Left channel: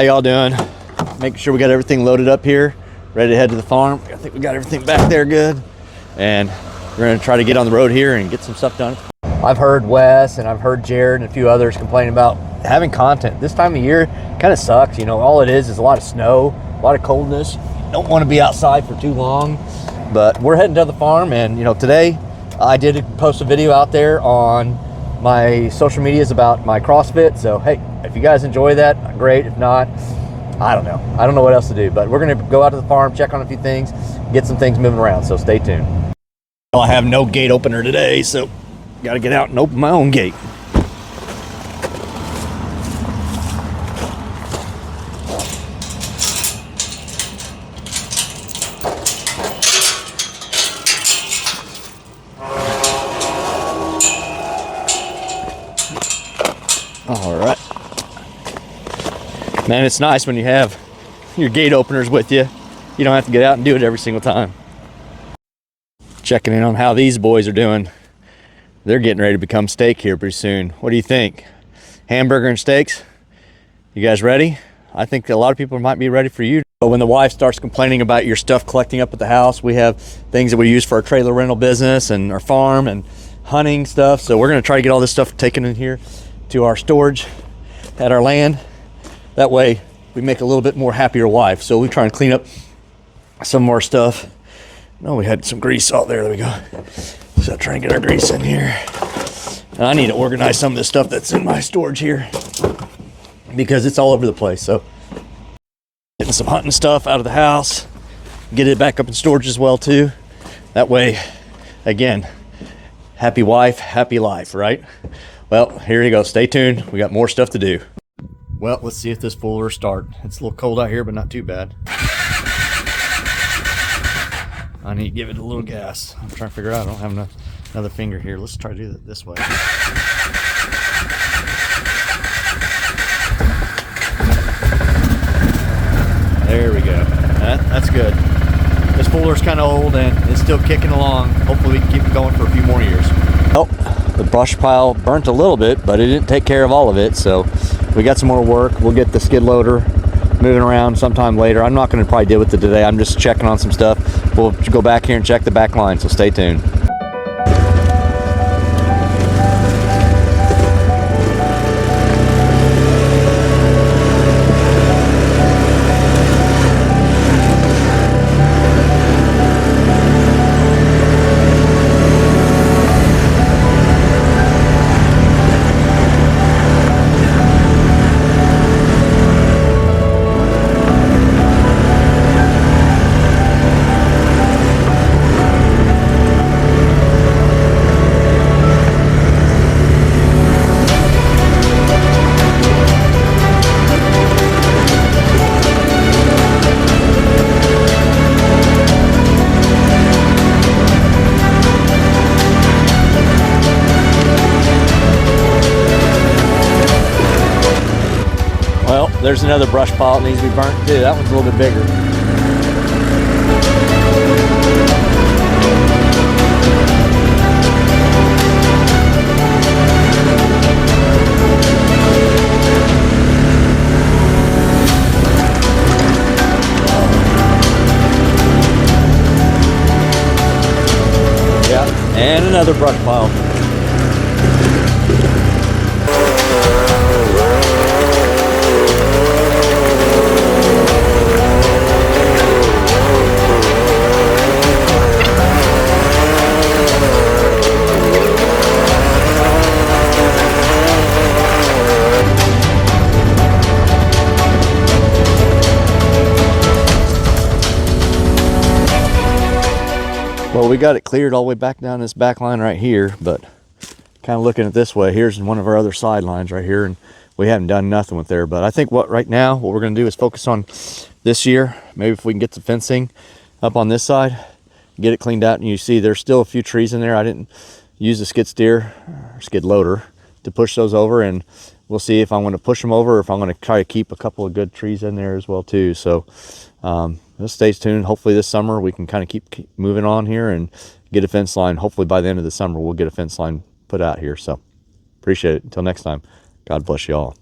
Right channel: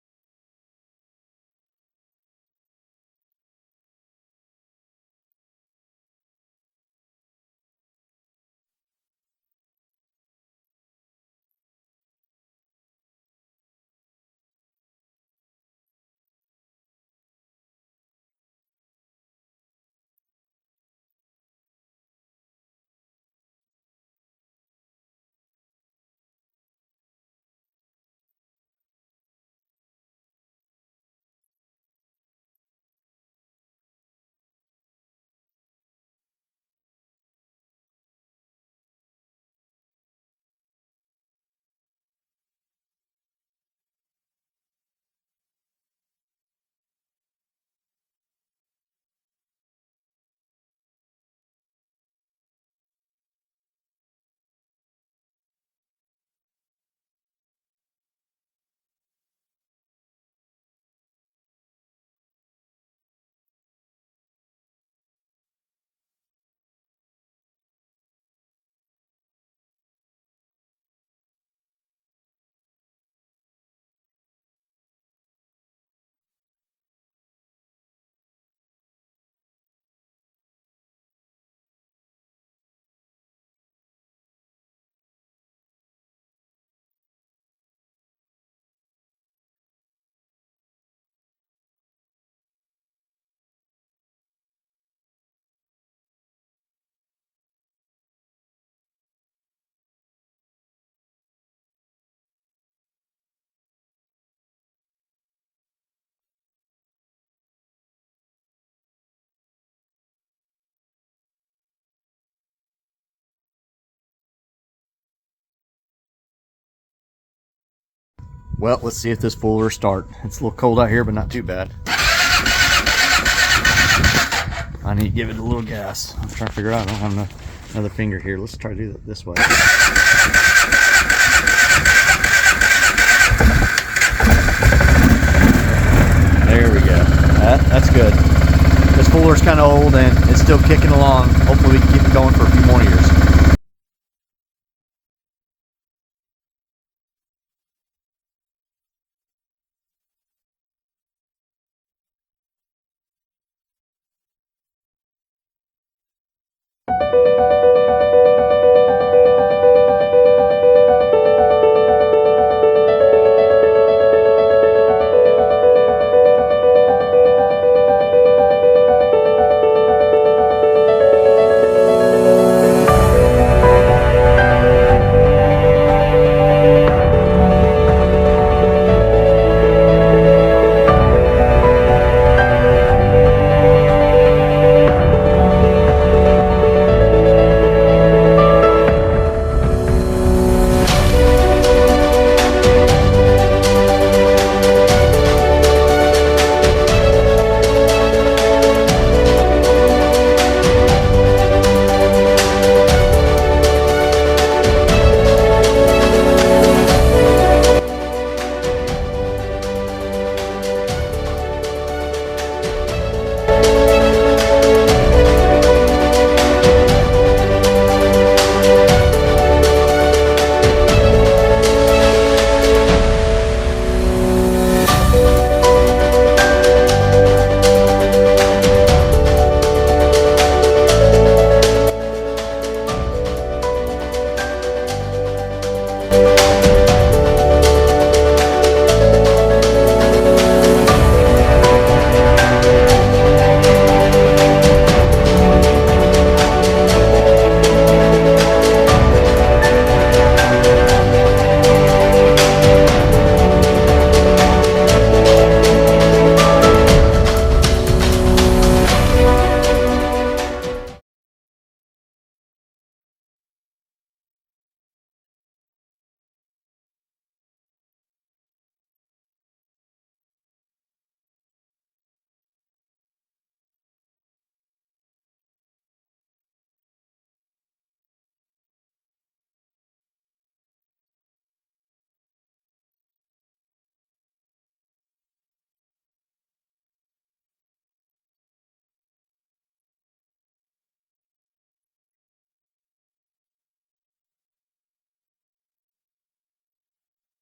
How y'all doing? Making sure we got everything loaded up here, ready to head to the farm. I think we got everything back there good. And we're gonna try to get on the road here and get some stuff done. I've heard Wes and I've heard Jared and a few others complaining about having content. This time of year kind of sucks. You know, all it is a lot of snow, a lot of coldness. Don't want to be outside for too long. But we're heading to the farm, and you know, today I did post a video out there on my social medias about my CrossFit. So hey, if you guys enjoy that, great. If not, I don't know. I don't know what else to do, but we're gonna go out to the farm, check on a few things, get some things moving around, so stay tuned. I have no gate opener today, so gotta get out and open my own gate. All right. Man, it's nice when you have your gate openers with you. You don't have to get out and do it every single time. Checking in on how these boys are doing. They're getting ready to become steak here pretty soon. What do you think? Hamburger and steaks? You guys ready? I think a lot of people might be ready for you. But when the wife starts complaining about your stuff collecting up at the house, we have things that we use for our trailer rental business and our farm and hunting stuff. So we're gonna try to get all this stuff taken in here to our storage at our land. That way we make a little bit more happier wife. So we try and clean up some more stuff. No, we had some grease. Oh, there we go. So trying to get our grease in here. And I need to organize some of the stuff that's in my storage here because it's all over the place. So getting some hunting stuff out of the house, get it back up in storage as well too. That way, again, happy wife, happy life, right? Well, here you go. Stay tuned. We got more stuff to do. Well, let's see if this fool will start. It's a little cold out here, but not too bad. I need to give it a little gas. I'm trying to figure out. I don't have another finger here. Let's try to do it this way. There we go. That's good. This fooler's kind of old and it's still kicking along. Hopefully we can keep it going for a few more years. Oh, the brush pile burnt a little bit, but it didn't take care of all of it. So we got some more work. We'll get the skid loader moving around sometime later. I'm not going to probably deal with it today. I'm just checking on some stuff. We'll go back here and check the back line, so stay tuned. There's another brush pile that needs to be burnt too. That one's a little bit bigger. Yeah, and another brush pile. We got it cleared all the way back down this back line right here, but kind of looking at this way, here's one of our other side lines right here, and we haven't done nothing with there. But I think right now what we're going to do is focus on this year. Maybe if we can get the fencing up on this side, get it cleaned out. And you see there's still a few trees in there. I didn't use the skid steer or skid loader to push those over, and we'll see if I want to push them over or if I'm going to try to keep a couple of good trees in there as well too. So just stay tuned. Hopefully this summer we can kind of keep moving on here and get a fence line. Hopefully by the end of the summer we'll get a fence line put out here. So appreciate it. Until next time, God bless you all.